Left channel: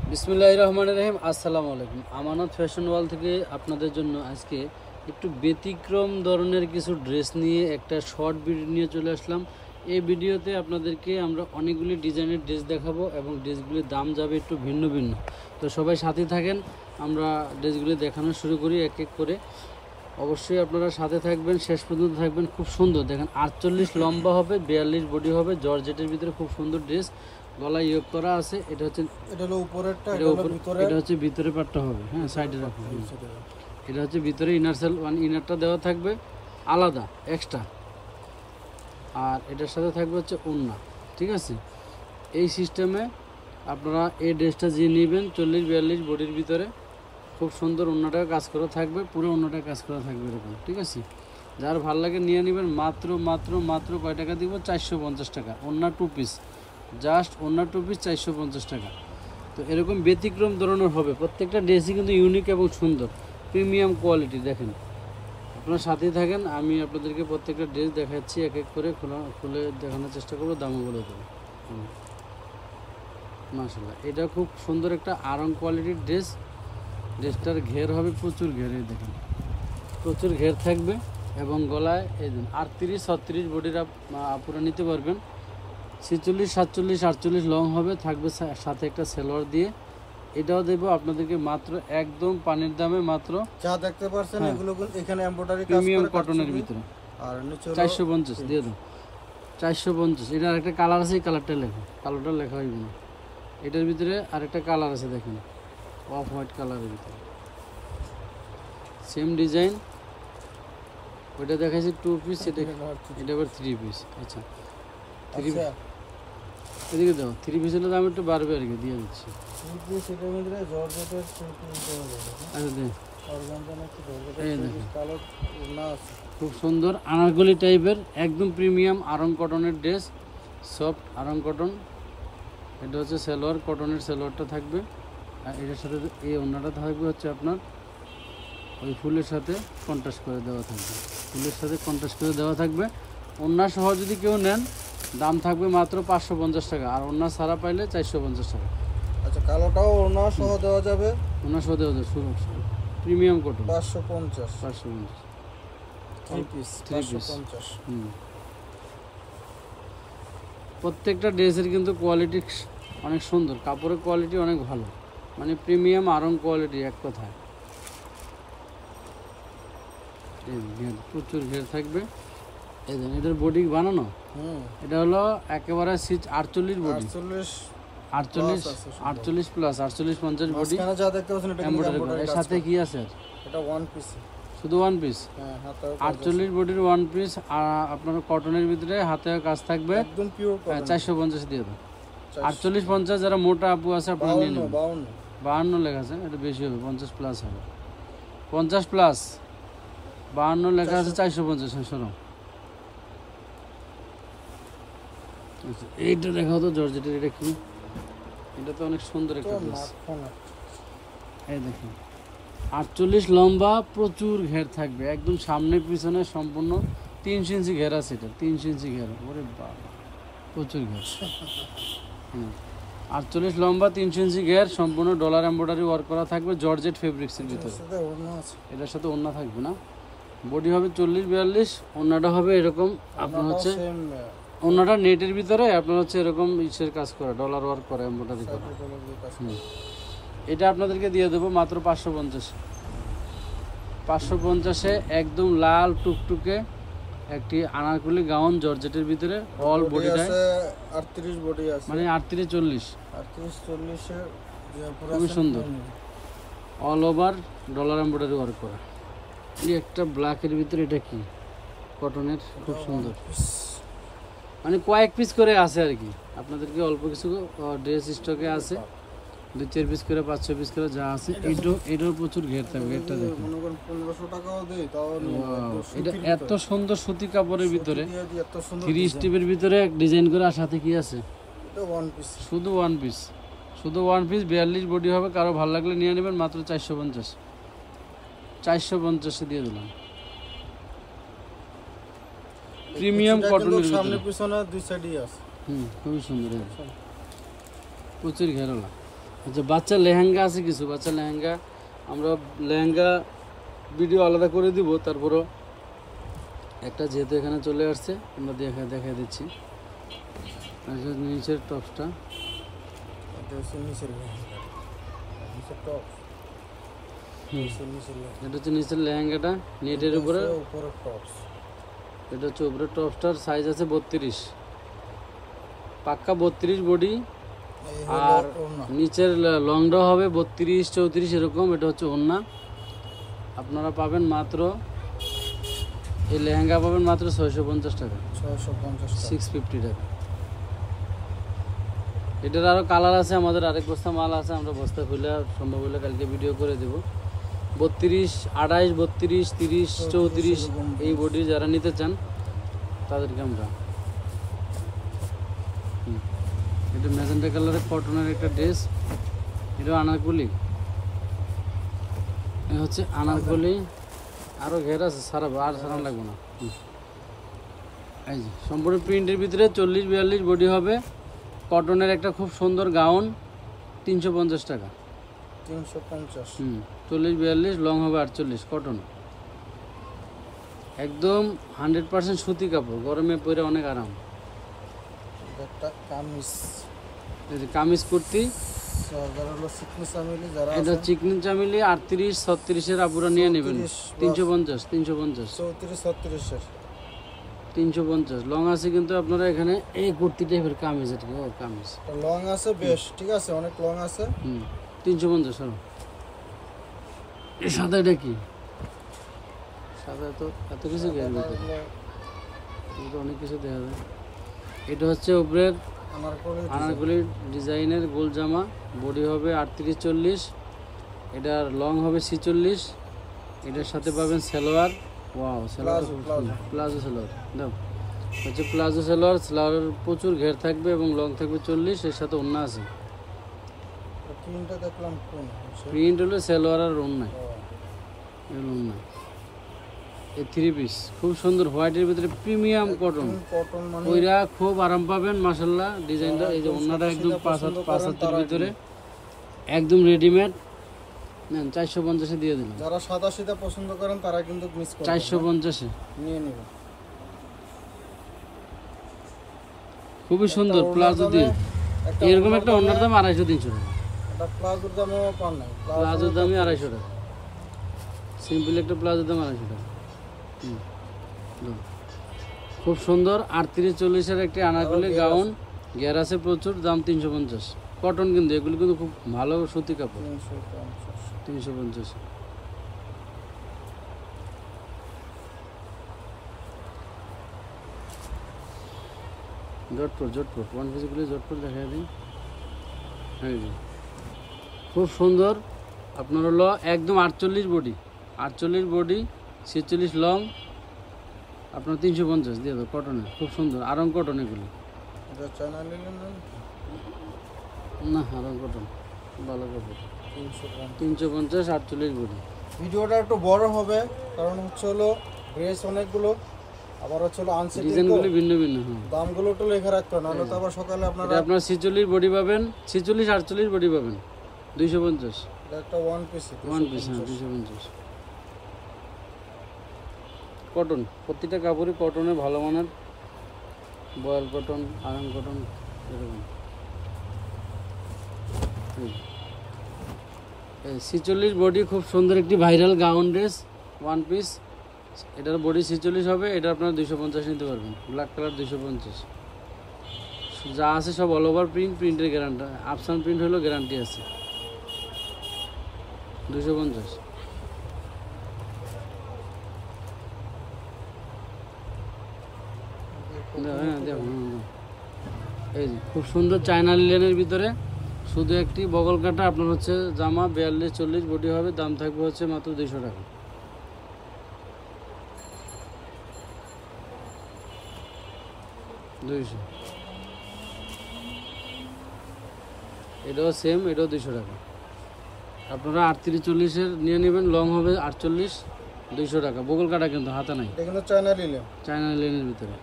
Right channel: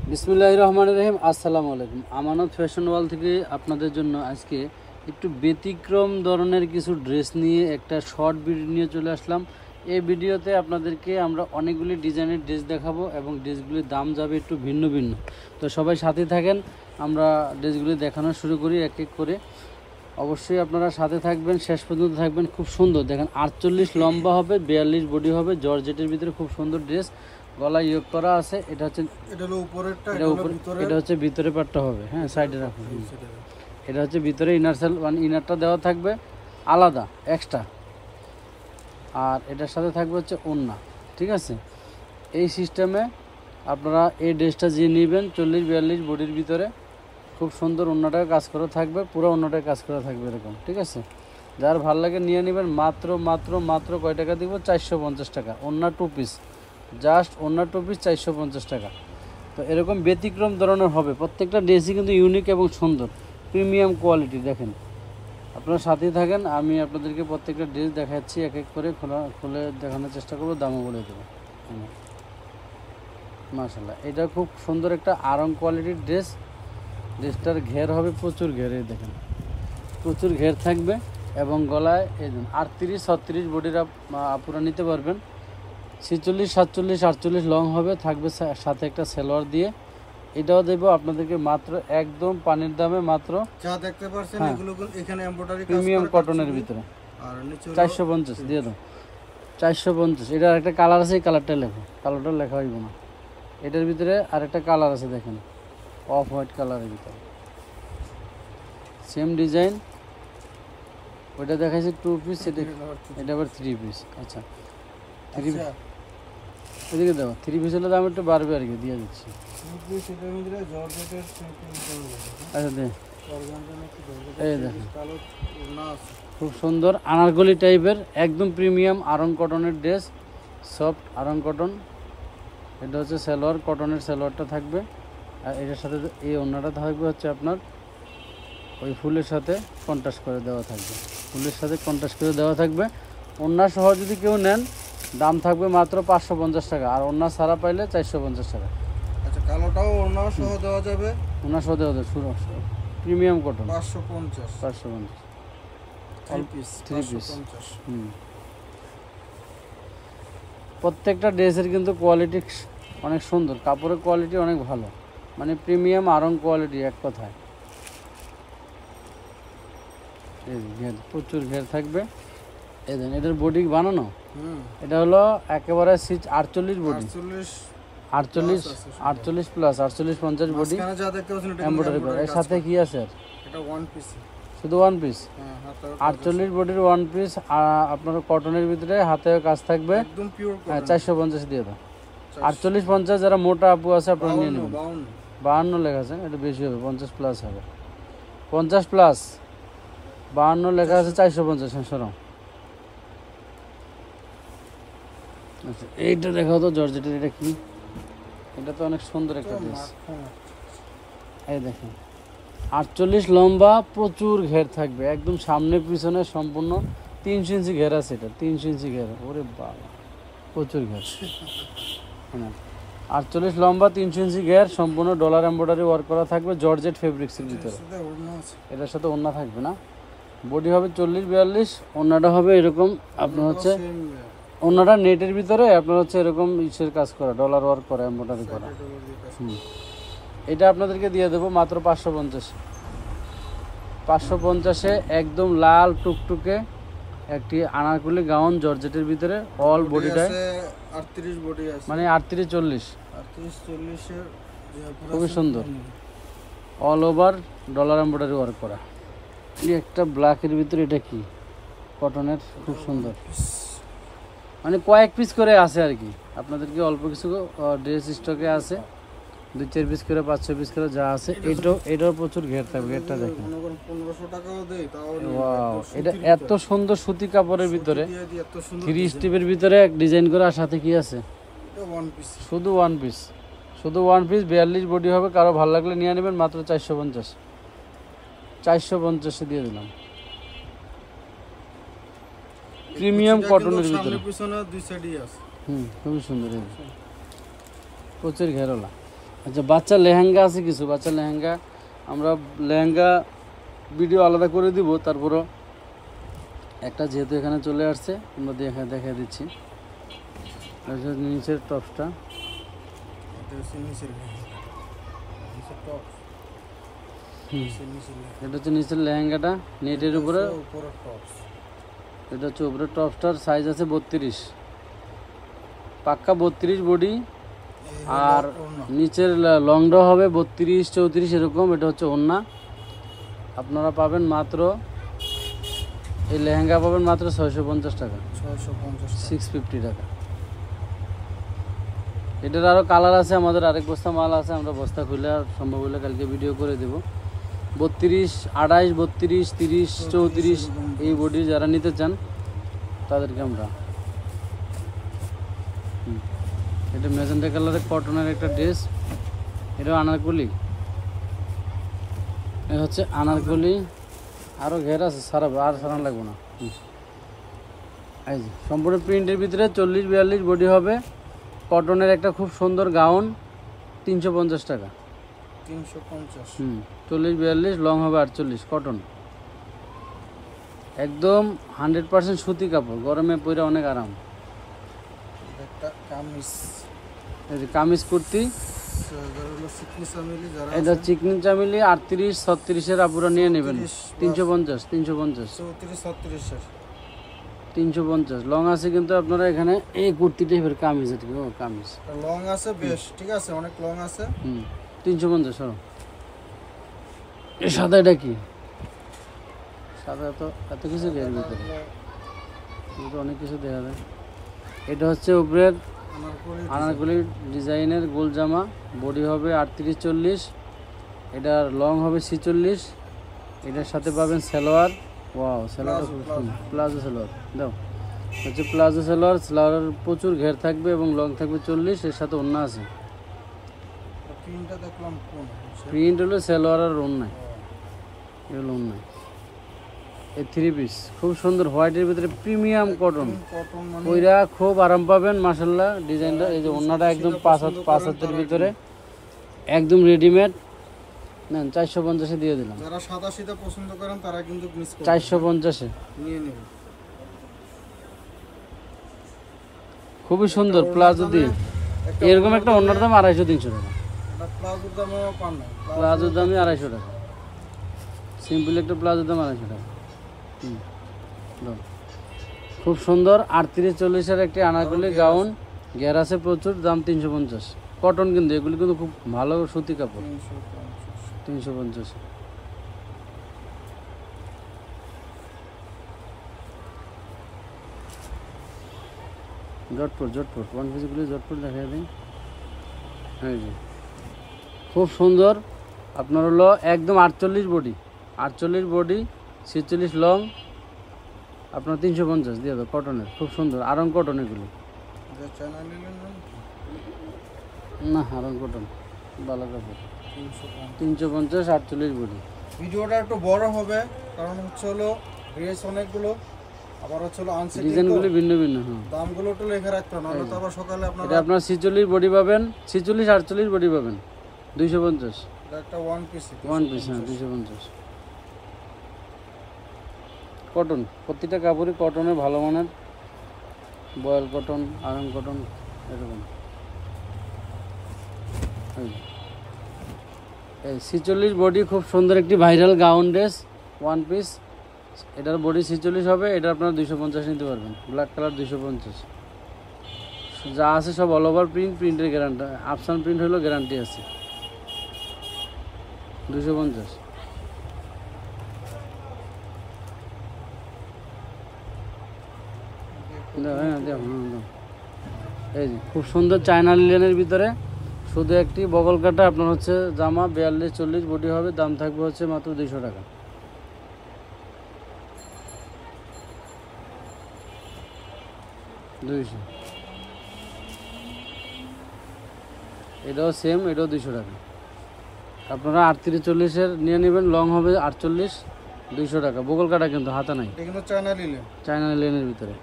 বিসমিল্লাহির রহমানির রহিম। আসসালামু আলাইকুম। আমানত ফ্যাশন ওয়াল থেকে আপনাদের জন্য আজকে একটু ব্যতিক্রম ধরনের কিছু ড্রেস নিয়ে একটা শর্ট ভিডিও নিয়ে চলে আসলাম। এই ভিডিওতে আপনাদেরকে আমরা অনেকগুলি ডিজাইনের ড্রেস দেখাবো এবং ড্রেসগুলির দাম যাবে একটু ভিন্ন ভিন্ন। তো সবাই সাথে থাকেন, আমরা ড্রেসগুলি দেখানো শুরু করি এক এক করে। অবশ্যই আপনারা সাথে থাকবেন, শেষ পর্যন্ত থাকবেন। খুব সুন্দর দেখেন, 48 লম্বা হবে, 42 বডি হবে, জর্জেটের ভিতরে খুব সুন্দর ড্রেস। গলায় ইয়োগ করা আছে। এটা হলো উপরেরটা, এটা হচ্ছে ভিতরে পাটটা হবে। হ্যাঁ, সাইডে রাখুন। এটা হচ্ছে ভিতরে ইনার সেল, মানে ইনারটা দেওয়া থাকবে আলাদা এক্সট্রা, আর এটার সাথে থাকবে হচ্ছে ওড়না। ঠিক আছে, এই সিস্টেমে আপনারা এই ড্রেসটা যে নেবেন 40-42 বডির ভিতরে, খুব সুন্দর ওড়নাটায় কাজ করা থাকবে, পুরো ওড়নাটায় কাজ করা থাকবে এরকম। ঠিক আছে, যার ভালো লাগে নিয়ে নেবেন। মাত্র মাত্র মাত্র কয় টাকা দিব? 450 টাকা। ওড়না 2 পিস, জাস্ট ওড়না 2 পিস 450 টাকা। তো এরকম ব্যতিক্রম ধরনের হবে, প্রত্যেকটা ড্রেসই কিন্তু ইউনিক এবং সুন্দর, প্রিমিয়াম কোয়ালিটি। দেখেন, আপনার সাথেই থাকেন, আমি আপনাদেরকে প্রত্যেকটা ড্রেস দেখাচ্ছি, এক এক করে খুলে দেখানোর চেষ্টা করবো, দামও বলে দেবো। মাশাআল্লাহ, এটা খুব সুন্দর একটা আরাম কোয়ালিটির ড্রেস। ড্রেসটার ঘের হবে প্রচুর ঘের, এই দেখেন প্রচুর ঘের থাকবে এবং গলায় এই 38-36 বডির আপুরা নিতে পারবেন। 46, 47, 48 লং হবে, থাকবে সাথে একটা সেলোয়ার দিয়ে। এটাও দেবো আপনাদেরকে মাত্র একদম পানির দামে, মাত্র যা দেখতে পাচ্ছেন এগুলো এখানে এমব্রয়ডারি কাজ প্রিমিয়াম কটনের ভিতরে। আর নিচে 450 দিয়ে দাও, 450। এটার একটা কালার আছে, এই কালারটা লেখা, কালারটা লেখা হইবে না। এটার ভিতরে আরেকটা কালার আছে, দেখেন অফ হোয়াইট কালারের ভিতরে, সেম ডিজাইন। ওটা দেখাচ্ছি 2 পিস, এটা আবার 3 পিস। আচ্ছা, এদিকে দাও। 3 পিস হলে দাম একটু বাড়বে আর কি, দিয়ে দিচ্ছি। আচ্ছা দে, খুব সুন্দর আনারকলি টাইপের, একদম প্রিমিয়াম আরং কটনের ড্রেস, সফট আরং কটন। এটা হচ্ছে সালোয়ার, কটনের সালোয়ারটা থাকবে। আর এটার সাথে এই ওড়নাটা থাকবে হচ্ছে আপনার ওই ফুলের সাথে কন্ট্রাস্ট করে দেওয়া থাকবে, ফুলের সাথে কন্ট্রাস্ট করে দেওয়া থাকবে। ওড়না সহ যদি কেউ নেন, দাম থাকবে মাত্র 550 টাকা, আর ওড়না ছাড়া পাইলে 450 টাকা। আচ্ছা, কালোটাও ওড়না সহ দেওয়া যাবে? ওড়না সহ দেওয়া যাবে, শুরু প্রিমিয়াম কটন 550 3 পিস 550। প্রত্যেকটা ড্রেসের কিন্তু কোয়ালিটি অনেক সুন্দর, কাপড়ের কোয়ালিটি অনেক ভালো, মানে প্রিমিয়াম আরং কোয়ালিটি এক কথায়। ঘের প্রচুর ঘের থাকবে। এই দেখেন, এটার বডি বানানো, এটা হলো একেবারে 48 বডি, 48 প্লাস 48 50 বডি। এর সাথে কি আছে? এটা ওয়ান পিস, শুধু ওয়ান পিস। 48 বডির ওয়ান পিস, আপনার কটনের ভিতরে হাতে কাজ থাকবে, একদম পিওর কটন। 450 দিয়ে দাও। 48 50 যারা মোটা আপু আছে, 52 লেখা আছে, এটা বেশি হবে, 50 প্লাস হবে, 50 প্লাস 52 লেখা আছে, 450। সরো, আচ্ছা এইটা দেখাও তো, জর্জেটের। এটা কি? এটা তো অনেক সুন্দর একটা ড্রেস। এই দেখুন, 48 লম্বা, প্রচুর ঘের থাকবে, একদম সামনে পিছনে সম্পূর্ণ 3 ইঞ্চি ঘের আছে। এটা 3 ইঞ্চি ঘের, ওরে বাবা, প্রচুর ঘের। 48 লম্বা, 3 ইঞ্চি ঘের, সম্পূর্ণ ডলার এমব্রয়ডারি ওয়ার্ক করা থাকবে, জর্জেট ফেব্রিক্সের ভিতরে। এটার সাথে ওড়না থাকবে না, বডি হবে 40-42, ওড়নাটা হবে এরকম আপনার হচ্ছে, ওড়নাটা নেটের ভিতরে আপনার হচ্ছে এরকম ইসের কাজ করা, ডলার ওয়ার্ক করা, এমব্রয়ডারি করা। এটা আপনাদেরকে দিয়ে দেবো মাত্র 550। 550-এ একদম লাল টুকটুকে একটি আনারকলি গাউন, জর্জেটের ভিতরে, অল বডিটা 38 বডি আছে, মানে 38-40 40 খুবই সুন্দর, all over dollar embroidery work করা। এই একটা ব্ল্যাকের ভিতরে, এটা কি কটনের, খুব সুন্দর, মানে কয়েক পিস করে আছে আর কি, আপনাদেরকে অল্প কিছু ড্রেস স্টকে আছে, 2-4 পিস করে, 5-6 পিস করে যা আছে। এটাও প্রচুর ঘের থাকবে। ঘেরটা দেখুন, 1500 টাকাও দেই তাও। ওয়াও, এটা এত সুন্দর সুতি কাপড়ের ভিতরে, 3 স্টেপের ভিতরে এক ডিজাইন করে, আর সাথে কি আছে? এটা ওয়ান পিস, শুধু ওয়ান পিস, শুধু ওয়ান পিস, 42 বডি হবে। কারো ভালো লাগলে নিয়ে নেবেন, মাত্র 450 দিয়ে দিলাম। প্রিমিয়াম কটনের সামনে পিছনে দুই সাইডই আছে। খুবই সুন্দর, প্রচুর ঘের হলো। আচ্ছা, বাচ্চা লেহেঙ্গা আছে কিছু, বাচ্চা লেহেঙ্গা আমরা লেহেঙ্গা ভিডিও আলাদা করে দিব। তারপরে একটা যেহেতু এখানে চলে আসছে আমরা দেখে দিচ্ছি নিচের টপসটা। এটা হচ্ছে নিচের লেহেঙ্গা, নিচের টপ, নিচের লেহেঙ্গা, এটা হচ্ছে নিচের লেহেঙ্গাটা নেটের উপরে, উপরে টপস। এটা হচ্ছে উপরে টপসটার সাইজ আছে 32, পাক্কা 32 বডি। আর নিচের লংটাও হবে 32 34 এরকম। এটা হচ্ছে ওড়না। আপনারা পাবেন মাত্র, এই লেহেঙ্গা পাবেন মাত্র 650 টাকা, 650 টাকা। এটার আরও কালার আছে, আমাদের আরেক বস্তা মাল আছে, আমরা বস্তা খুলে আর সম্ভব হলে কালকে ভিডিও করে দেব। 32 28 32 30 34 এই বডি যারা নিতে চান তাদেরকে আমরা। এটা ম্যাজেন্টা কালারের কটনের একটা ড্রেস, এটা আনারকলি, এটা হচ্ছে আনারকলি। আরও ঘের আছে, আর সারা লাগবে না। এই যে সম্পূর্ণ প্রিন্টের ভিতরে 40 42 বডি হবে, কটনের একটা খুব সুন্দর গাউন, 350 টাকা, 350। 40 42 লং হবে 48, কটন একদম 100% সুতি কাপড়, গরমে পরে অনেক আরাম। একটা কামিজ, এই যে কামিজ কুর্তি, যারা হলো চিকনি চামেলি, যারা এটা চিকনি চামেলি 38 36 এর আপুরা নিয়ে নেবেন, 350 350 34 36 এর 350 লং আছে। কিন্তু আপনারা এখানে এই কুর্তি টাইপের কামিজ, আর কি ও কামিজ লং আছে বেশ, ঠিক আছে, অনেক লং আছে। 350। এই সাদা এটা কি? সাদা তো এত কিছু দেওয়া যাবে, অনেক কিছু দেওয়া যাবে। এটা হচ্ছে উপরের আনারকলি ডিজাইনের গোল জামা, বডি হবে 38 40, এটার লং হবে 46। এটার সাথে পাবেন সালোয়ার, ওয়াও সালোয়ার, প্লাজো সালোয়ার দাও, হচ্ছে প্লাজো সালোয়ার। সালোয়ারের প্রচুর ঘের থাকবে এবং লং থাকবে 40, এর সাথে ওড়না আছে। প্রিন্টটা দেখলাম কোন প্রিন্ট হলো সালোয়ার আর ওড়না, ওড়না। এই 3 পিস খুব সুন্দর, হোয়াইটের ভিতরে প্রিমিয়াম কটন, কটন মানে ওইরা খুব আরাম পাবেন মাশাআল্লাহ। ডিজাইনটা এই যে ওড়নাটা একদম 5 হাতের ভিতরে একদম রেডিমেড, নেন 450 দিয়ে দিলাম। যারা সাদা সিধা পছন্দ করেন তারা কিন্তু মিস করবেন, 450 নিয়ে নেবেন। খুবই সুন্দর প্লাজো দিয়ে, এরকম একটা ওড়নার দাম 250 300 টাকা, এটা প্লাজোর দামও পান না, প্লাজোর দামই 250 টাকা, সিম্পল একটা প্লাজোর দাম 250 টাকা। খুব সুন্দর 38 40 এর একটি আনারকলি গাউন, ঘের আছে প্রচুর, দাম 350, কটন। কিন্তু এগুলো কিন্তু খুব ভালো সুতি কাপড়, 350। জটপুর ওয়ান পিসগুলো জটপুর দেখা যায়। হ্যাঁ জি, খুব সুন্দর। আপনার হলো একদম 48 বডি, 48 বডি 46 লং, আপনার 350 দিয়ে দাও, কটনের খুব সুন্দর, আরং কটন এগুলো। না আরং কটন ভালো কাপড়, 350 48 বডি। ভিডিওটা একটু বড় হবে কারণ হচ্ছে হলো ড্রেস অনেকগুলো, আবার হচ্ছে হলো আনসেটিং, ডিজাইনগুলো ভিন্ন ভিন্ন। দামগুলো একটু লেখা রাখতে হবে, নাহলে তো আবার সকালে আপনারা। আপনার 46 বডি পাবেন, 46 48 বডি পাবেন 250। একটা ওয়ান পিস, 250 কটন, প্রতিটা কাপড়ই কটনের ভালো মানের, বয়েল কটন, আয়রন কটন এরকম। এই 46 বডি খুব সুন্দর একটি viral gown dress, one piece. এটার বডি 46 হবে, এটা আপনারা 250 নিতে পারবেন, ব্ল্যাক কালার 250। যা আছে সব অল ওভার প্রিন্ট, প্রিন্টের গ্যারান্টি, আফসান প্রিন্ট হলেও গ্যারান্টি আছে, 250। এই খুব সুন্দর চায়না লিলেনের ভিতরে, শুধু একটি বগল কাটা, আপনার হচ্ছে জামা 42 40 বডি হবে, দাম থাকবে হচ্ছে মাত্র 200 টাকা। এটাও সেম, এটাও 200 টাকা। আপনারা 38 40 এর নিয়ে নেবেন, লং হবে 48, 200 টাকা। বগল কাটা কিন্তু হাতা নাই, এটা কিন্তু চায়না লিলেন, চায়না লিলেনের ভিতরে।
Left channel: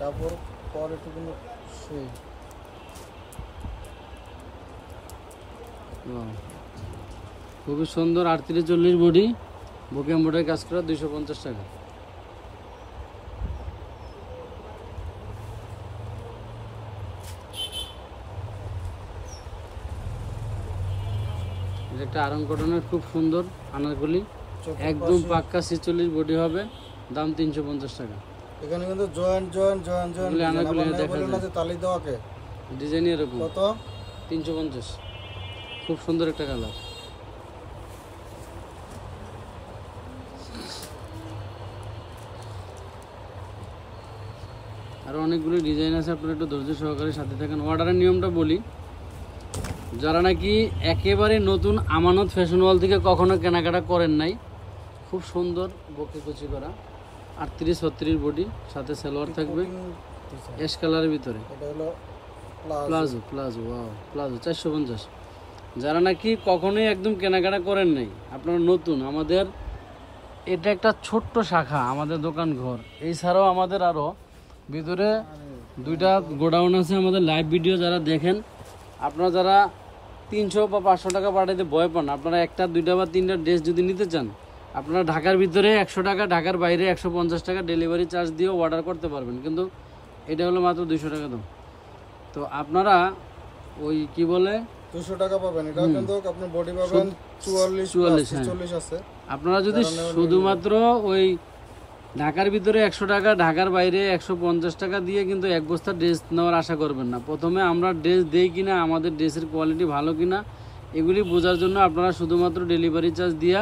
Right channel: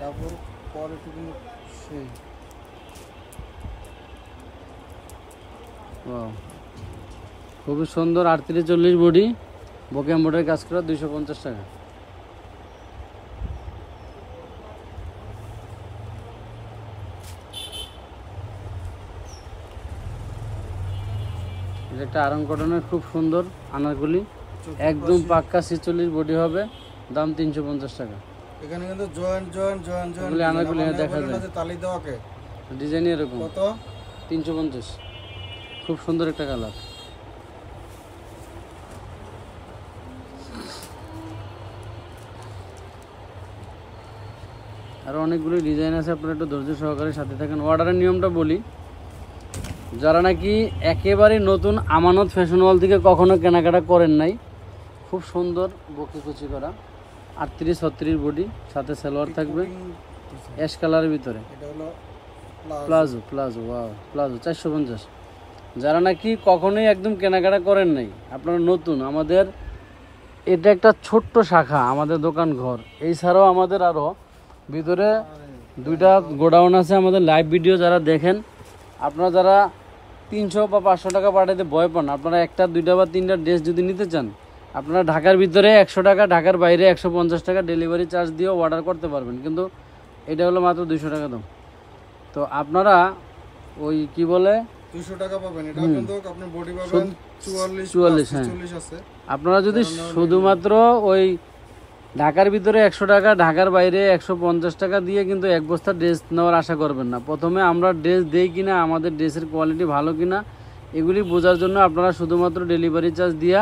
কাপড় কোয়ালিটি কিন্তু সেই খুবই সুন্দর 38-40 বডি, বকে এমব্রয়ডারি কাজ করে 250 টাকা। যেটা আরং কটনের খুব সুন্দর আনারকলি, একদম পাক্কা 46 বডি হবে, দাম 350 টাকা। এখানে কিন্তু জয়েন্ট বলেন না যে তালি দেওয়াকে ডিজাইন এরকম কত 350, খুব সুন্দর একটা কালার। আরো অনেকগুলো ডিজাইন আছে, আপনারা একটু ধৈর্য সহকারে সাথে থাকেন। অর্ডারের নিয়মটা বলি, যারা নাকি একেবারে নতুন আমানত ফ্যাশন ওয়াল থেকে কখনো কেনাকাটা করেন নাই, খুব সুন্দর বকে কুচি করা 38-36 বডি, সাথে সালোয়ার থাকবে অ্যাশ কালারের ভিতরে, এটা হলো প্লাজো প্লাজো ওয়াও প্লাজো 450। যারা নাকি কখনোই একদম কেনাকাটা করেন নাই, আপনারা নতুন, আমাদের এটা একটা ছোট্ট শাখা আমাদের দোকান ঘর। এছাড়াও আমাদের আরও ভিতরে 2টা গোডাউন আছে। আমাদের লাইভ ভিডিও যারা দেখেন, আপনারা যারা 300 বা 500 টাকা পাঠাতে ভয় পান, আপনারা 1টা 2টা বা 3টা ড্রেস যদি নিতে চান, আপনারা ঢাকার ভিতরে 100 টাকা, ঢাকার বাইরে 150 টাকা ডেলিভারি চার্জ দিয়ে অর্ডার করতে পারবেন, কিন্তু এটা হলো মাত্র 200 টাকা দাম। তো আপনারা ওই কি বলে 200 টাকা পাবেন, এটা কিন্তু আপনি বডি পাবেন 44 আছে। আপনারা যদি শুধুমাত্র ওই ঢাকার ভিতরে 100 টাকা, ঢাকার বাইরে 150 টাকা দিয়ে কিন্তু এক বস্তা ড্রেস নেওয়ার আশা করবেন না। প্রথমে আমরা ড্রেস দেই কিনা, আমাদের ড্রেসের কোয়ালিটি ভালো কিনা, এগুলি বোঝার জন্য আপনারা শুধুমাত্র ডেলিভারি চার্জ দিয়া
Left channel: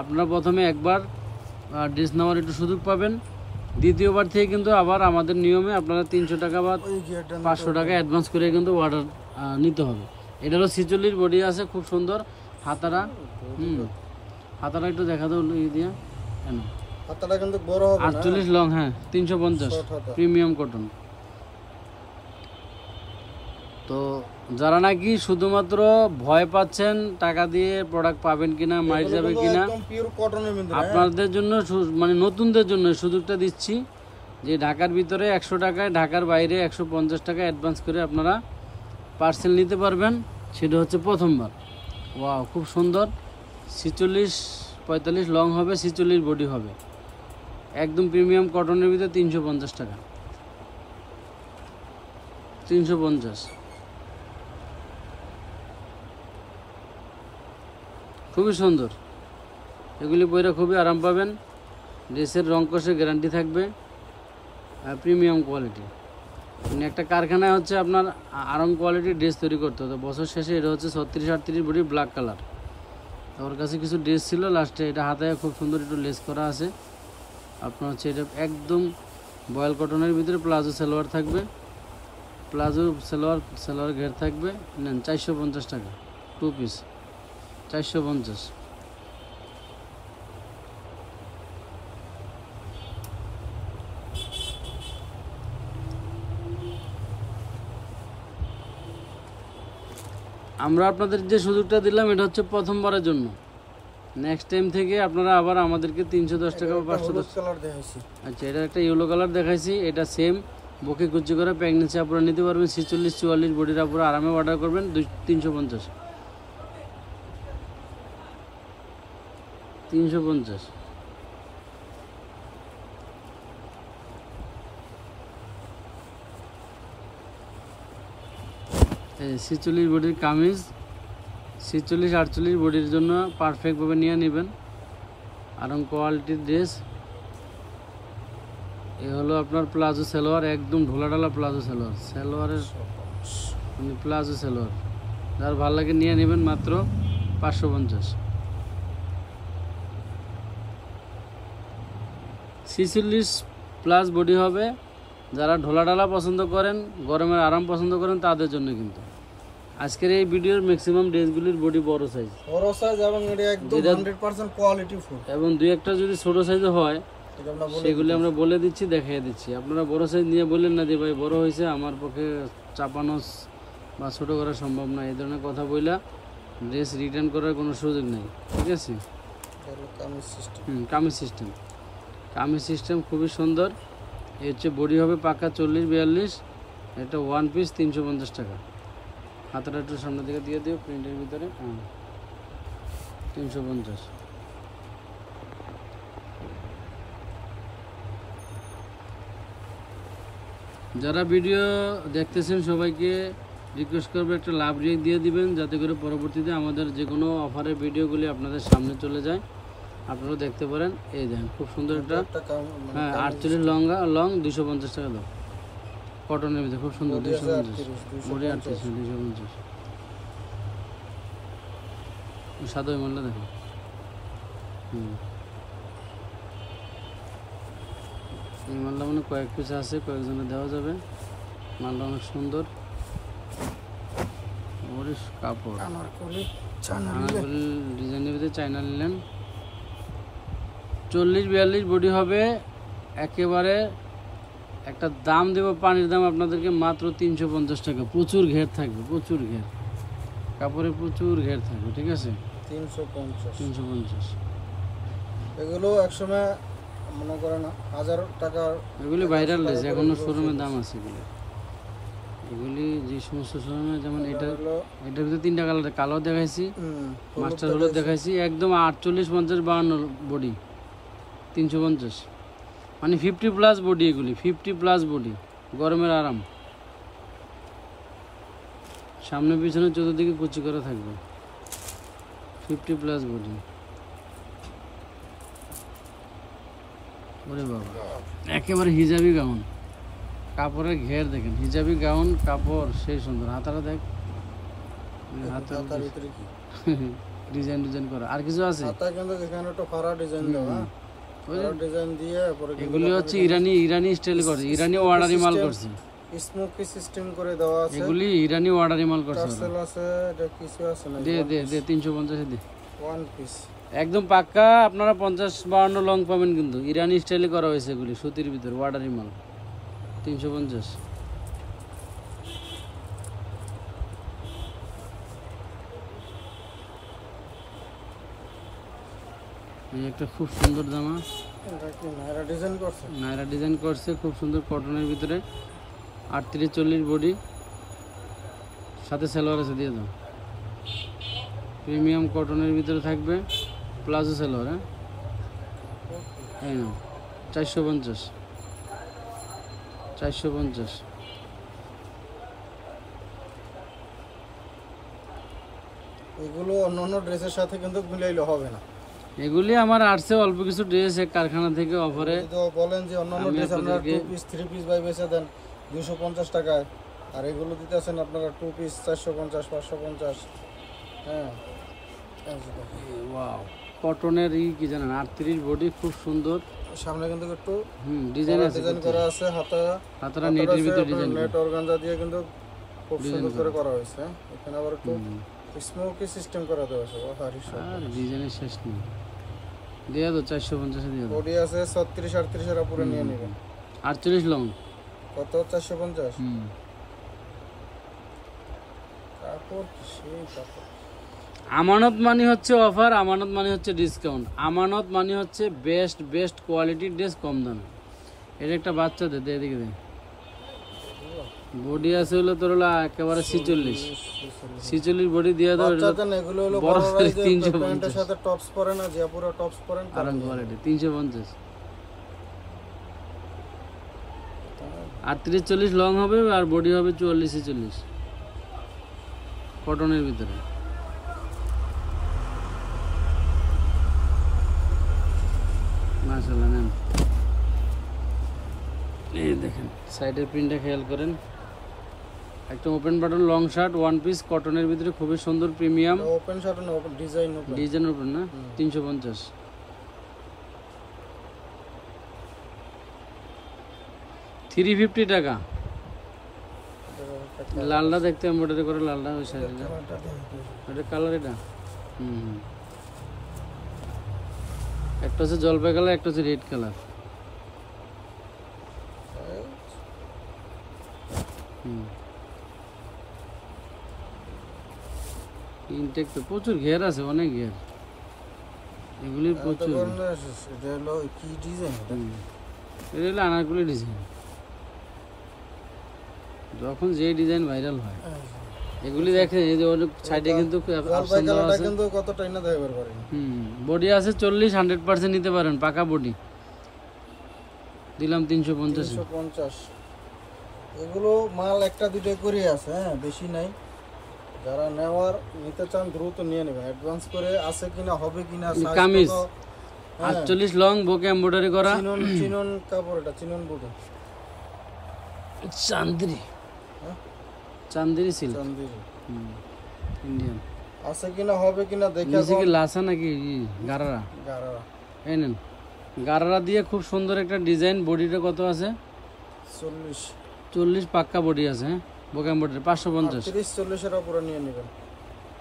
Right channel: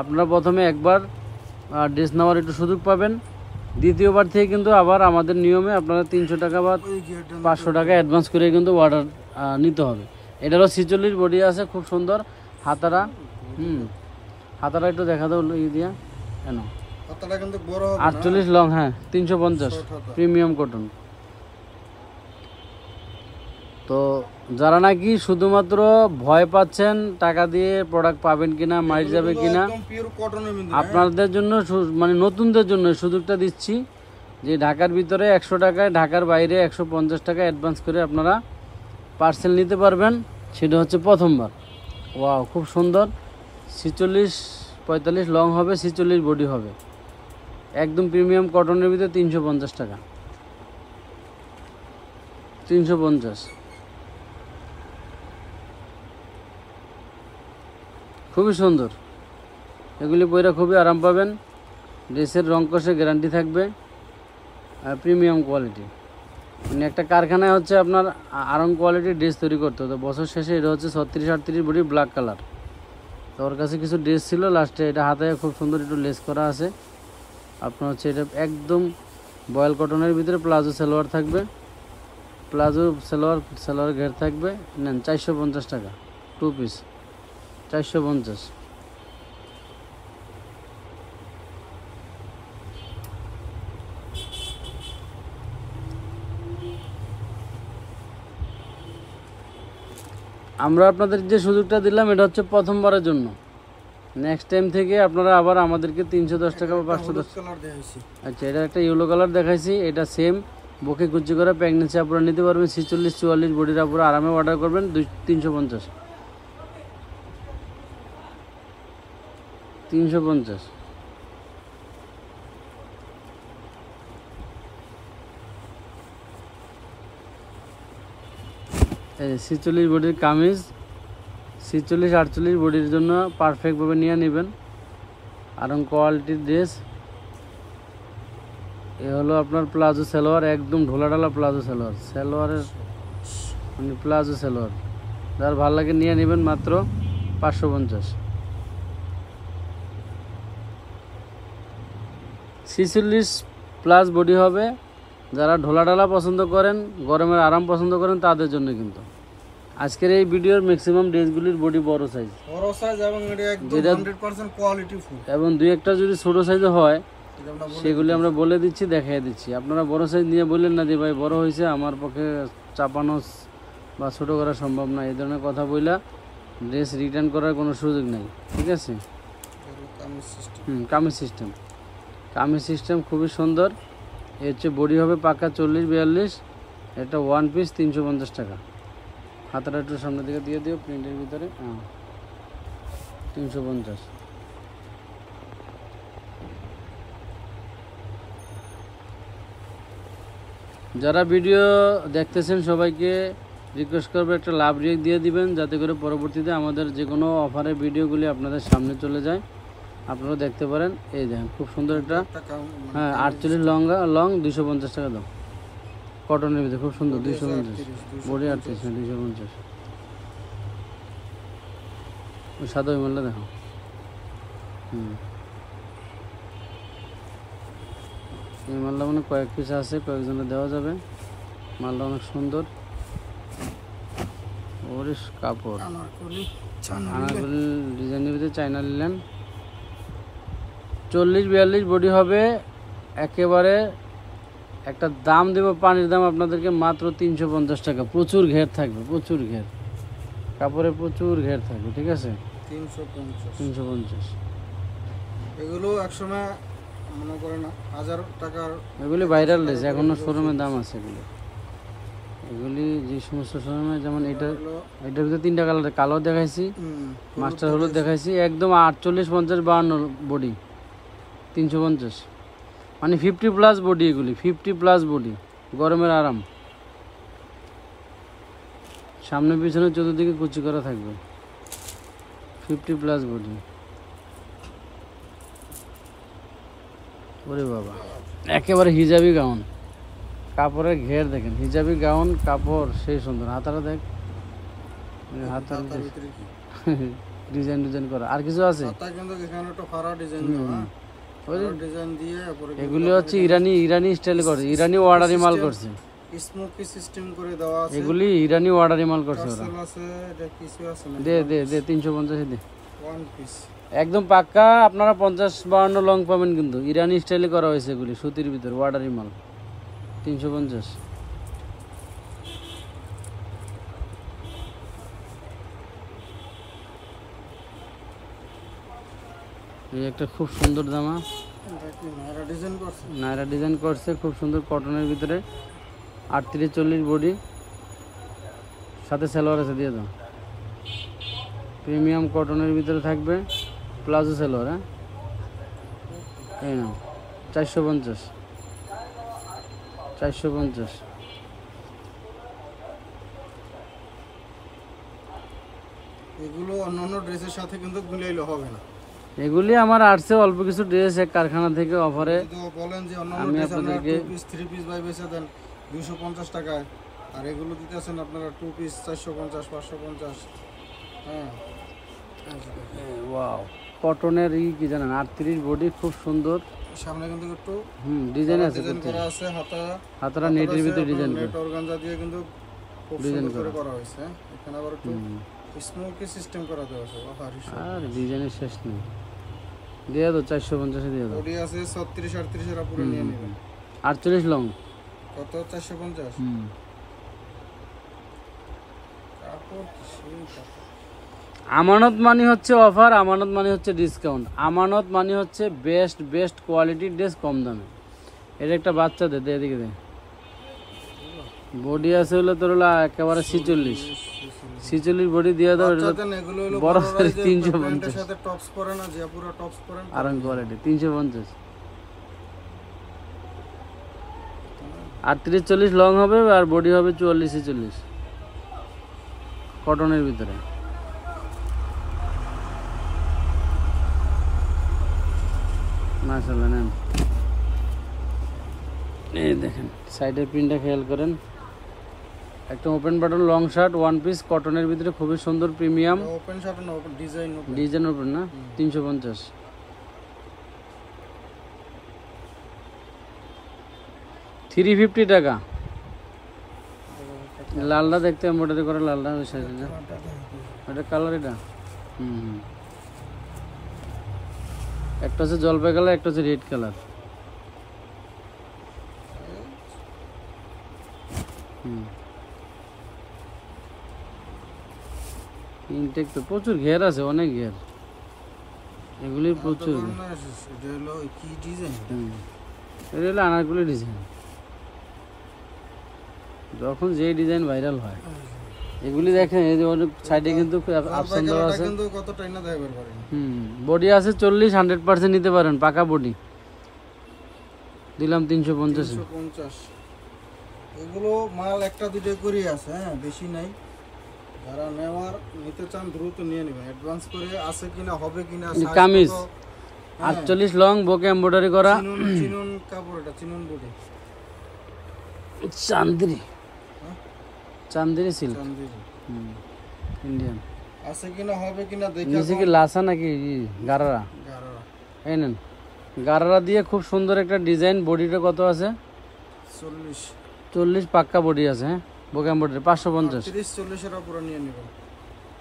আপনারা প্রথমে একবার ড্রেস নেওয়ার একটু সুযোগ পাবেন। দ্বিতীয়বার থেকে কিন্তু আবার আমাদের নিয়মে আপনারা 300 টাকা বা 500 টাকা অ্যাডভান্স করে কিন্তু অর্ডার নিতে হবে। এটারও 46 বডি আছে, খুব সুন্দর হাতারা। হাতারা একটু দেখা দাও ই দিয়া, হাতাটা কিন্তু বড় হবে না, 48 লং, হ্যাঁ 350 প্রিমিয়াম কটন। তো যারা নাকি শুধুমাত্র ভয় পাচ্ছেন টাকা দিয়ে প্রোডাক্ট পাবেন কিনা, মাইল যাবে কিনা, আপনাদের জন্য মানে নতুনদের জন্য সুযোগটা দিচ্ছি যে ঢাকার ভিতরে 100 টাকায়, ঢাকার বাইরে 150 টাকা অ্যাডভান্স করে আপনারা পার্সেল নিতে পারবেন। সেটা হচ্ছে প্রথমবার। ওয়াও, খুব সুন্দর 46-45 লং হবে, 46 বডি হবে, একদম প্রিমিয়াম কটনের ভিতরে 350 টাকা, 350। খুবই সুন্দর, এগুলি পরে খুবই আরাম পাবেন, ড্রেসের রং কষে গ্যারান্টি থাকবে, প্রিমিয়াম কোয়ালিটি। মানে একটা কারখানায় হচ্ছে আপনার আরং কোয়ালিটির ড্রেস তৈরি করতে হতো। বছর শেষে এটা হচ্ছে 36-38 বডি ব্ল্যাক কালার। তো ওর কাছে কিছু ড্রেস ছিল, লাস্টে এটা হাতে খুব সুন্দর একটু লেস করা আছে। আপনার হচ্ছে এটা একদম বয়েল কটনের ভিতরে প্লাজো সালোয়ার থাকবে, প্লাজো সালোয়ার ঘের থাকবে। নেন 450 টাকা 2 পিস, 450। আমরা আপনাদের যে সুযোগটা দিলাম এটা হচ্ছে প্রথমবারের জন্য। নেক্সট টাইম থেকে আপনারা আবার আমাদেরকে 310 টাকা বা 510 কালার দেখাইছি। আচ্ছা, এটা একটা ইয়েলো কালার দেখাইছি, এটা সেম বুকে কুচি করে প্রেগনেন্সি আপনারা নিতে পারবেন। 46-44 বডির আপনারা আরামে অর্ডার করবেন 350। 350। এই 46 বডির কামিজ, 46-48 বডির জন্য পারফেক্টভাবে নিয়ে নেবেন। আরং কোয়ালিটির ড্রেস। এ হলো আপনার প্লাজো সালোয়ার, একদম ঢোলাঢালা প্লাজো সালোয়ার, সালোয়ারের প্লাজো সালোয়ার। যার ভালো লাগে নিয়ে নেবেন, মাত্র 550। 46+ বডি হবে। যারা ঢোলাঢালা পছন্দ করেন, গরমের আরাম পছন্দ করেন, তাদের জন্য কিন্তু আজকের এই ভিডিওর ম্যাক্সিমাম ড্রেসগুলির বডি বড় সাইজ এবং এটা একদম 100% কোয়ালিটি ফুল, এবং দুই একটা যদি ছোট সাইজে হয় সেগুলি আমরা বলে দিচ্ছি, দেখাই দিচ্ছি। আপনারা বড় সাইজ নিয়ে বললেন না যে ভাই বড় হয়েছে, আমার পক্ষে চাপানো বা ছোট করা সম্ভব না, এই ধরনের কথা বইলা ড্রেস রিটার্ন করার কোনো সুযোগ নেই, ঠিক আছে? কামিজ সিস্টেম খুবই সুন্দর। এই হচ্ছে বডি হবে পাকা 40-42, এটা 1 পিস 350 টাকা। হাতাটা একটু সামনের দিকে দিয়ে দিও প্রিন্টের ভিতরে 350। যারা ভিডিও দেখতেছেন সবাইকে রিকোয়েস্ট করবো একটা লাভ রিয়েক্ট দিয়ে দিবেন, যাতে করে পরবর্তীতে আমাদের যে কোনো অফারের ভিডিওগুলি আপনাদের সামনে চলে যায়, আপনারা দেখতে পারেন। এই দেখেন খুব সুন্দর একটা, হ্যাঁ 48 লং 250 টাকা দাম, কটনের ভিতরে খুব সুন্দর 250, বডি 38 250। সাদা মালটা দেখো, এই মালটা মানে কয়েক পিস আছে, কয়েকজনে দেওয়া যাবে। মালটা অনেক সুন্দর, কাপড় ডিজাইনের ভিতরে চায়না নিলেন। 40-42 বডি হবে একেবারে। একটা দাম দেবো, পানির দাম আপনাদেরকে মাত্র 350 টাকা। প্রচুর ঘের থাকবে, প্রচুর ঘের, কাপড়ে প্রচুর ঘের থাকবে, ঠিক আছে। 350। এগুলো একসময় মনে করেন 1000 টাকা, এগুলি ভাইরাল রয়েছে, এখনো শোরুমে দাম আছে এগুলি। এগুলি যে সমস্ত শোরুমে, যেমন এটার ভিতরে 3টা কালার, কালো দেখাইছি, মাস্টার হলুদ দেখাইছি, একদম 48, 50, 52 বডি 350, মানে 50+ বডি। এগুলি 50+ বডি, গরমের আরাম। সামনে পিছনে চতুর্দিকে কুচি করা থাকবে, 50+ বডি। ওরে বাবা, একেবারে হিজাবি গাউন, কাপড়ের ঘের দেখেন, হিজাবি গাউন কাপড় সেই সুন্দর। হাতাটা দেখ, ডিজাইন করা। আর কিছু আছে? এগুলি হচ্ছে ইরানি স্টাইল করছে, ইরানি অর্ডারি মাল করছে, স্মোকি সিস্টেম করে দেওয়া আছে। এগুলি ইরানি অর্ডারি মাল করছে। টার্সেল আছে, এটা কিছু আছে না? দে 350 দে, ওয়ান পিস একদম পাক্কা। আপনারা 50-52 লং পাবেন, কিন্তু ইরানি স্টাইলে করা হয়েছে। এগুলি সুতির ভিতরে অর্ডারি মাল, 350। এই একটা খুব সুন্দর জামা, নায়রা ডিজাইন করছে, খুব সুন্দর, কটনের ভিতরে 38-40 বডি, সাথে সালোয়ার আছে, দিয়ে দেবো। প্রিমিয়াম কটনের ভিতরে থাকবে, প্লাজো সালোয়ার। হ্যাঁ 450। এগুলো অন্যান্য ড্রেসের সাথে কিন্তু মিলাইলে হবে না। এগুলি আমার আসছে অল্প কিছু ড্রেস এক কারখানা থেকে অফারে। তো বলেন যে অন্যান্য ড্রেস আপনারা 2 পিস 3 পিস বাই বেচে দেন 250 টাকায়, আর এগুলো দিতেছেন আপনারা 2 পিস 450 550। হ্যাঁ ওয়াও, কটনের কি জানেন, 38 বডি, খুব সুন্দর। সামনে কিন্তু একটু ডিজাইন করা আছে, হাতাটা নেটের ভিতরে ডিজাইন, নেট অর্গানজা দিয়ে কিন্তু খুব সুন্দর করে করা হয়েছে। এখানে আবার একটু স্মোকি সিস্টেম করা দেওয়া আছে। ডিজাইনের শেষ নেই, দিয়ে দাও 450 দিয়ে দাও। বডি আছে 36 38 এর পুরো নিয়ে নেবেন। 48 লং কত? 450। কাপড় সেই কাপড়। আমানত মানে হচ্ছে অফার, আমানত মানে হচ্ছে ডিসকাউন্ট, আমানত মানে হচ্ছে বেস্ট কোয়ালিটির ড্রেস কম দামে। এর একটা বাচ্চা দে, এদিকে দে। বডি আছে হলো তোর একেবারে 46 বডি দিয়ে দাও। এগুলো হলো বড় সাইজ, প্যান্টের সাথে টপস পরে না, যে পুরো টপস পরেন, আরাম কোয়ালিটি 350। 38-40 লং হবে, আর বডি হবে 44-40, কটনের ভিতরে। মাশাআল্লাহ, নেন। এই দেখেন সাইডের প্রিন্টটা খেয়াল করেন, একটা open button long shirt, one piece, কটনের ভিতরে খুবই সুন্দর, প্রিমিয়াম। ওপেন শার্ট না, ওপেন ডিজাইন ওপেন না, 350। 350 টাকা। লালটা দেখতে এমব্রয়ডারি করা, লালটা হয়েছে, এটা কালার, এটা একটা হচ্ছে জলপাই কালার, একটা হচ্ছে রেড কালার। ইনটেক তো প্রচুর ঘের আছে, অনেক ঘের, এগুলি প্রচুর। কি ডিজাইন? এটা হলো আনারকলি ডিজাইন, যখন যেই ডিজাইন ভাইরাল হয়। এগুলি দেখেন এই যে সাইডে কিন্তু জলপাই কালারটা কিন্তু কতটা না দেখাবার পারেন। বডি আছে 40 100% নিতে পারেন, পাকা বডি। দিলাম 350। এগুলো মাল একটা দুটো করে আছে, হ্যাঁ বেশি নাই। যারা নেওয়ার নিতে চান দ্রুত নিয়ে নেবেন, অ্যাডভান্স করে আছে কিনা হবে কিনা। কামিজ 48 লং বকে এমব্রয়ডারি করা, চিনন কাপড়, এটা chinon body, Chanderi Chanderi silk, Chanderi Indian. আছে কিনা হবে কিনা দেখে। নিচে কি লাসা নাকি গারারা? গারারা। এই নেন, গারারা দিয়ে খুব সুন্দর একটা ডিজাইন। বডিটা কত আছে? 40 পাক্কা বডি আছে। হ্যাঁ বকে এমব্রয়ডারি 550। 30-40 এর উপরে নিয়ে নেবেন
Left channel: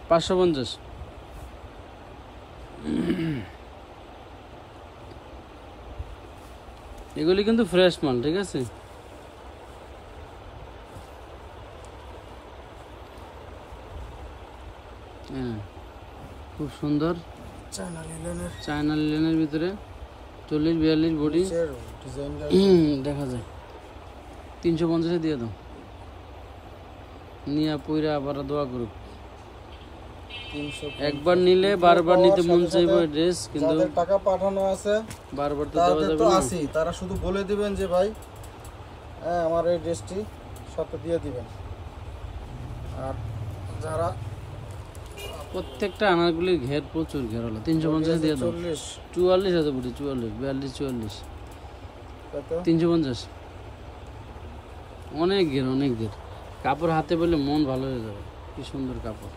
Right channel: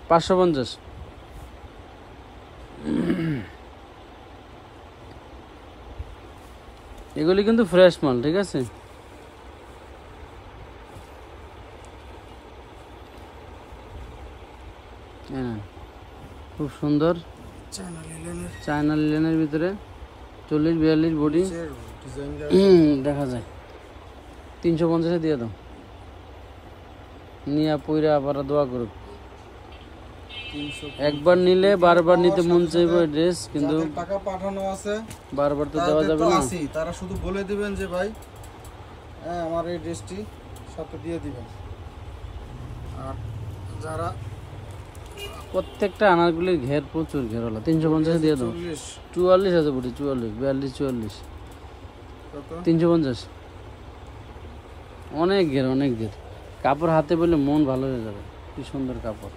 550। এগুলি কিন্তু ফ্রেশ মাল, ঠিক আছে। খুব সুন্দর চায়না লিলেনের ভিতরে 40-42 বডি দেখা যায়। 350 দিয়ে দাও, নিয়ে পইরা আবার দোয়া করুক। একবার নিলে বারবার নিতে মন চাইবে ড্রেস, কিন্তু টাকা পাঠানো আছে বারবার তো দেওয়া যাবে না। তারা শুধু বলে দিবেন যে ভাই হ্যাঁ আমার এই ড্রেসটি সাথে দিয়ে দিবেন। আর যারা প্রত্যেকটা আনারগুলির ঘের প্রচুর ঘের হলো। 350 দিয়ে দাও। 44 আছে বডি, 44 42 44 350। অনেক ঘের, অনেক ঘের। কাপড় হাতে পেলে মন ভালো হয়ে যাবে। কি সুন্দর কাপড়।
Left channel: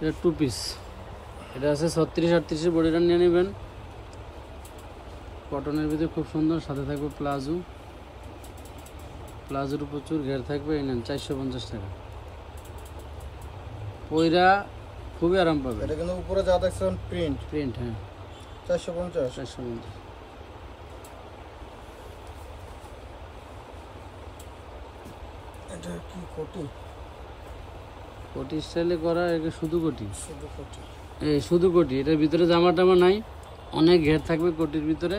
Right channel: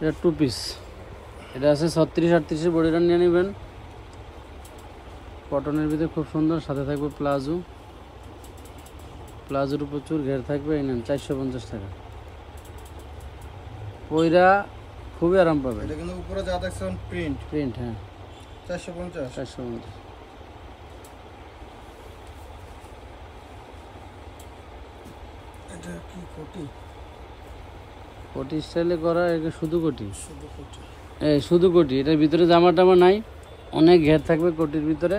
এটা 2 পিস, এটা আছে 36-38 বডিটা নিয়ে নেবেন। কটনের ভিতরে খুব সুন্দর, সাথে থাকবে প্লাজো। প্লাজোর প্রচুর ঘের থাকবে। এই নেন 450 টাকা। ওইটা খুবই আরাম পাবে। এটা কিন্তু উপরে যা দেখছেন প্রিন্ট, হ্যাঁ 450। এটা কি কোটি? কোটি স্টাইলে করা, এটা শুধু কোটি। শুধু কোটি। এটার ভিতরে জামা টামা নাই, অনেক ঘের থাকবে কোটির ভিতরে।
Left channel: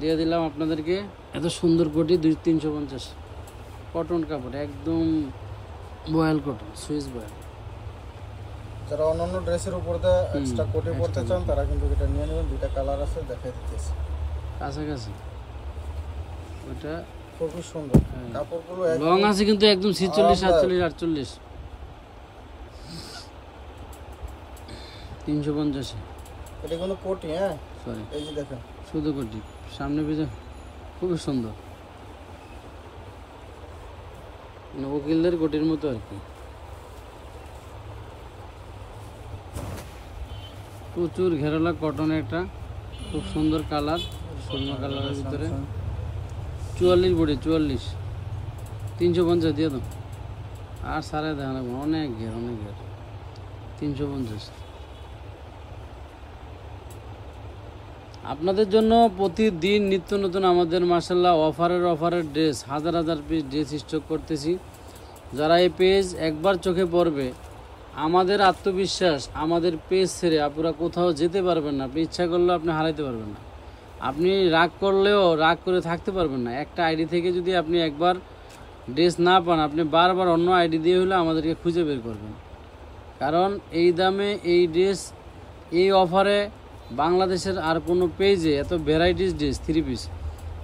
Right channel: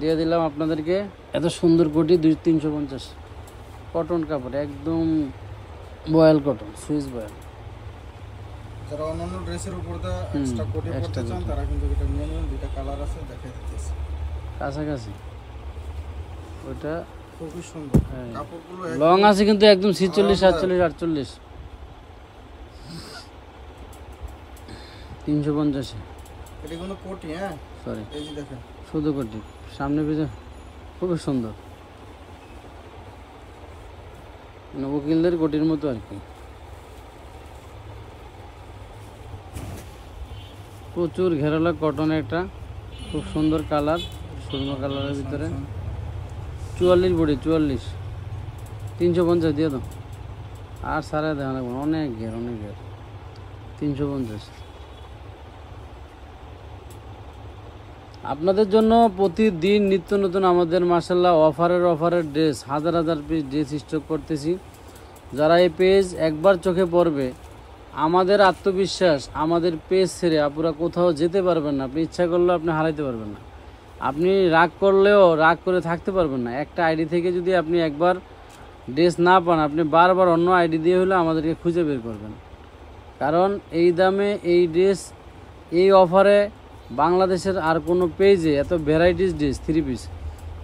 দিয়ে দিলাম আপনাদেরকে এত সুন্দর কোটি 350। কটন কাপড়, একদম বয়েল কটন, সুইস বয়েল। যারা অন্যান্য ড্রেসের উপর দিয়ে এক্সট্রা কোটি পড়তে চান তারা কিন্তু এটা নিয়ে নেবেন। দুইটা কালার আছে, দেখাই দিতেছি কাছাকাছি। ওটা খুবই সুন্দর কাপড়গুলো, লং আছে কিন্তু একদম 46 47 48। 350। এটা কোনো কোটি, হ্যাঁ সরি এই যে দেখেন শুধু কোটি, সামনে পিছনে খুবই সুন্দর, উকিলদের কোটির মতো আর কি। প্রচুর ঘেরালো কটনের একটা খুব সুন্দর কালার, সুন্দর কালারের ভিতরে 44 বডি 44। 350 দিয়ে দাও। আর সারা দেওয়া নেব, অনেক ঘের অনেক ঘের। 350। আপনাদের জন্য প্রতিদিন নিত্য নতুন আমাদের মাশাআল্লাহ অফারের ড্রেস, হাজার হাজার পিস ড্রেস স্টক করতেছি। যারা এই পেজ একবার চোখে পড়বে, আমাদের আত্মবিশ্বাস, আমাদের পেজ ছেড়ে আপনারা কোথাও যেতে পারবেন না। আপনি ইচ্ছা করলেও আপনি হারাইতে পারবেন না। আপনি রাগ করলেও রাগ করে থাকতে পারবেন না। একটা আইডি থেকে যদি আপনি একবার ড্রেস না পান, আপনি বারবার অন্য আইডি দিয়ে হলে আমাদেরকে খুঁজে বের করবেন। কারণ এই দামে এই ড্রেস, এই অফারে বাংলাদেশের আর কোনো পেজে এত ভ্যারাইটিস ড্রেস, 3 পিস,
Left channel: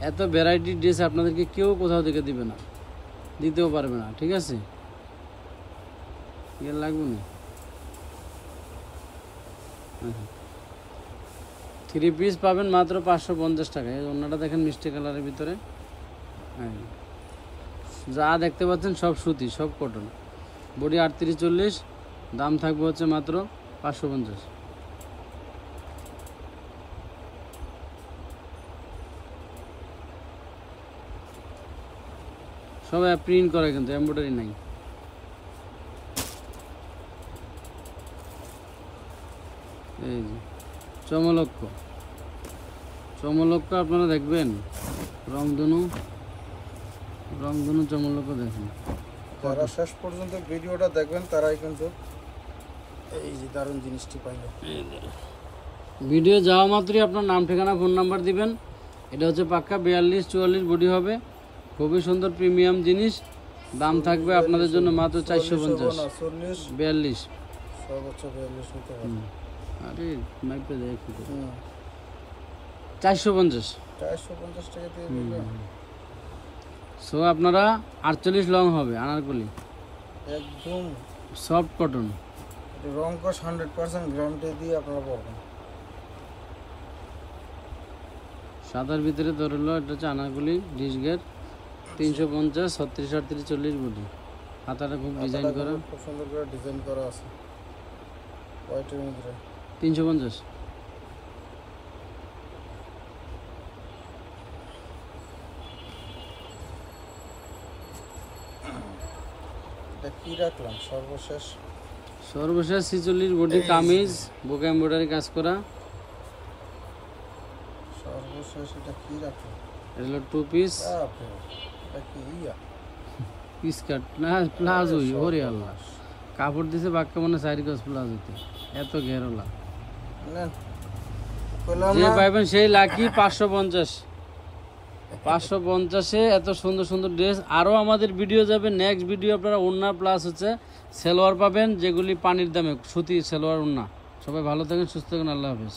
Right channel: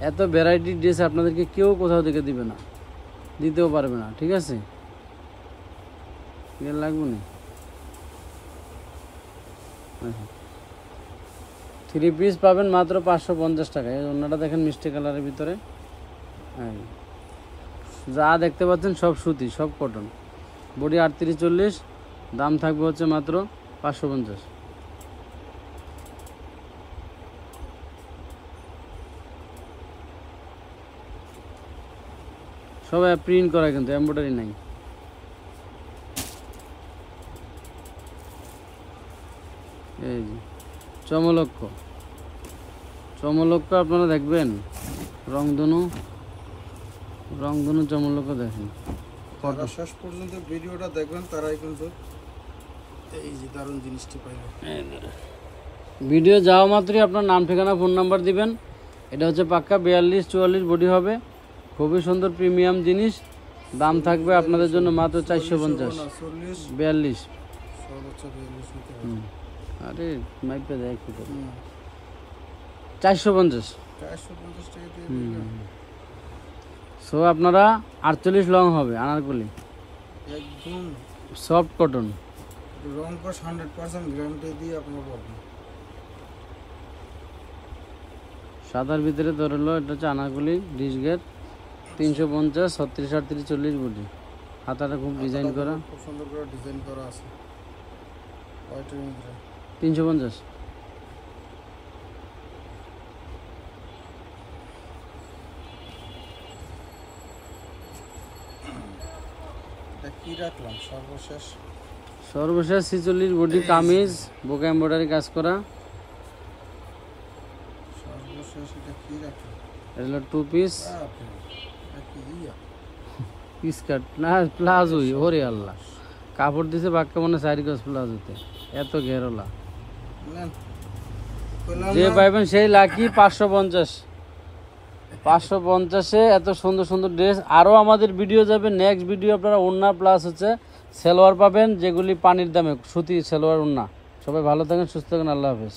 এত ভ্যারাইটি ড্রেস আপনাদেরকে কেউ কোথাও থেকে দিবে না, দিতেও পারবে না। ঠিক আছে, লাগবে না। 3 পিস পাবেন মাত্র 550 টাকা। এই অন্যটা দেখেন মিষ্টি কালারের ভিতরে। হ্যাঁ, যা দেখতে পাচ্ছেন সব সুতি, সব কটন। বডি 38-40, দাম থাকবে হচ্ছে মাত্র 550। সবাই প্রিন্ট করা, কিন্তু এমব্রয়ডারি নাই। এই যে চমলক্ষ আপনারা দেখবেন, রংধনু চমলক্ষ দেখেন। যারা শেষ পর্যন্ত ভিডিওটা দেখবেন তারাই কিন্তু এই যে দারুণ জিনিসটি পাইল। ভিডিও যাওয়া মাত্রই আপনার নাম ঠিকানা ফোন নাম্বার দিবেন। এটা হচ্ছে পাক্কা 42-44 বডি হবে, খুবই সুন্দর প্রিমিয়াম জিনিস। দাম থাকবে আপনাদের জন্য মাত্র 450। 42 সর্বোচ্চ 42 নিতে হবে। আরে মাইপটা দেখ 450 টাকা দিয়ে দিবেন। সো আপনারা 48 লং হবে আনারকলি, একদম সফট কটন, রং কস 100% গ্যারান্টি দিয়ে আপনারা পাবেন। সাদার ভিতরে ধরলো এটা হচ্ছে আনারকলি ডিসগের 350, 36, 38, 40 বডি। হাতাটা খুব ডিজাইন করা, খুব সুন্দর করে ডিজাইন করা আছে হোয়াইটের মধ্যে। 350। এটা কি রাখলাম সর্বশেষ 46 বডি কামিজ, বুকা এমব্রয়ডারি কাজ করা। সর্বশেষ এটা কি রাখলাম? এগুলো 2 পিস এটা কি ইয়া স্কার্ট না প্লাজো। ওরে আল্লাহ, কাপড় দিছে বাক্য মানে 4 গজ প্লাজোতে, এত ঘেরলা। নেন যে পাইবেন সেই লাকি। 550 এত সুন্দর সুন্দর ড্রেস। আরও আমাদের ভিডিও যাবে, নেক্সট ভিডিও আপনারা ওন্না প্লাস হচ্ছে সেলোয়ার পাবেন, যেগুলি পানির দামে, সুতি সেলোয়ার ওন্না। সবাই ভালো থাকেন, সুস্থ থাকেন, আল্লাহ হাফেজ।